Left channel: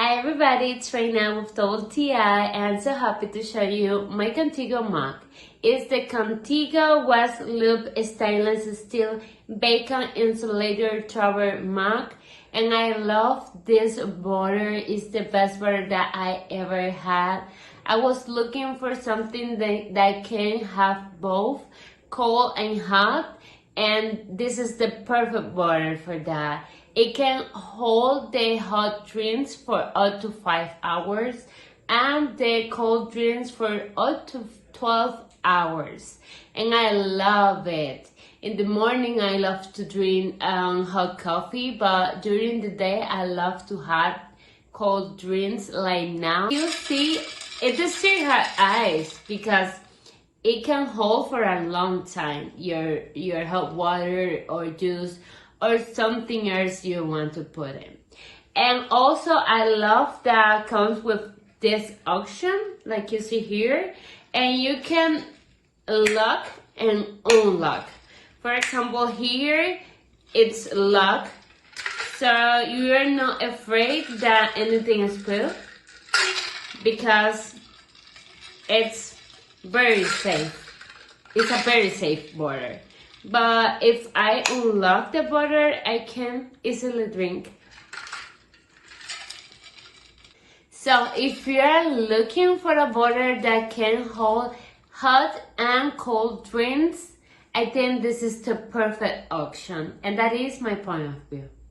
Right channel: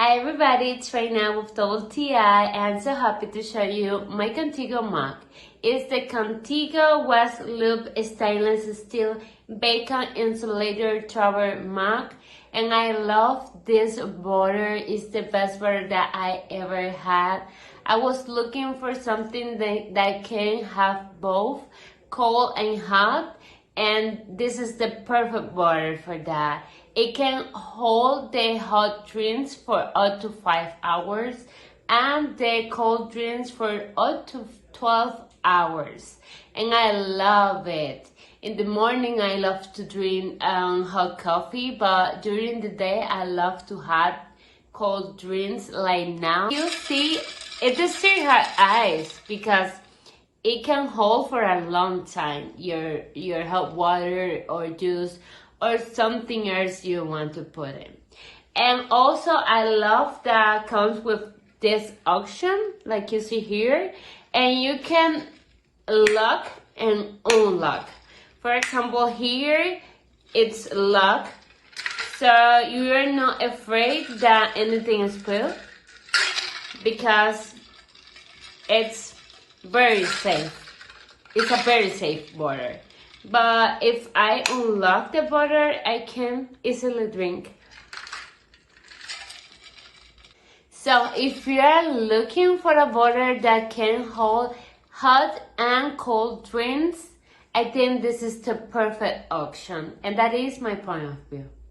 Hi everybody, it's Reina with TI and so happy to show you my Contigo mug. It's the Contigo West Loop Stainless Steel Vacuum Insulator Tower mug, and I love this border. It's the best border that I ever had. I was looking for something that can have both cold and hot, and this is the perfect border for that. It can hold the hot drinks for up to 5 hours and the cold drinks for up to 12 hours. And I love it. In the morning, I love to drink hot coffee, but during the day, I love to have cold drinks like now. You see, it doesn't have ice because it can hold for a long time your hot water or juice or something else you want to put in. And also I love that comes with this option like you see here, and you can lock and unlock. For example, here it's locked, so you're not afraid that anything is spilled because it's very safe. It's a very safe border. But if I unlock the border, I can easily drink. So if you are looking for a border that can hold hot and cold drinks, I think this is the perfect option. And that is my point of view.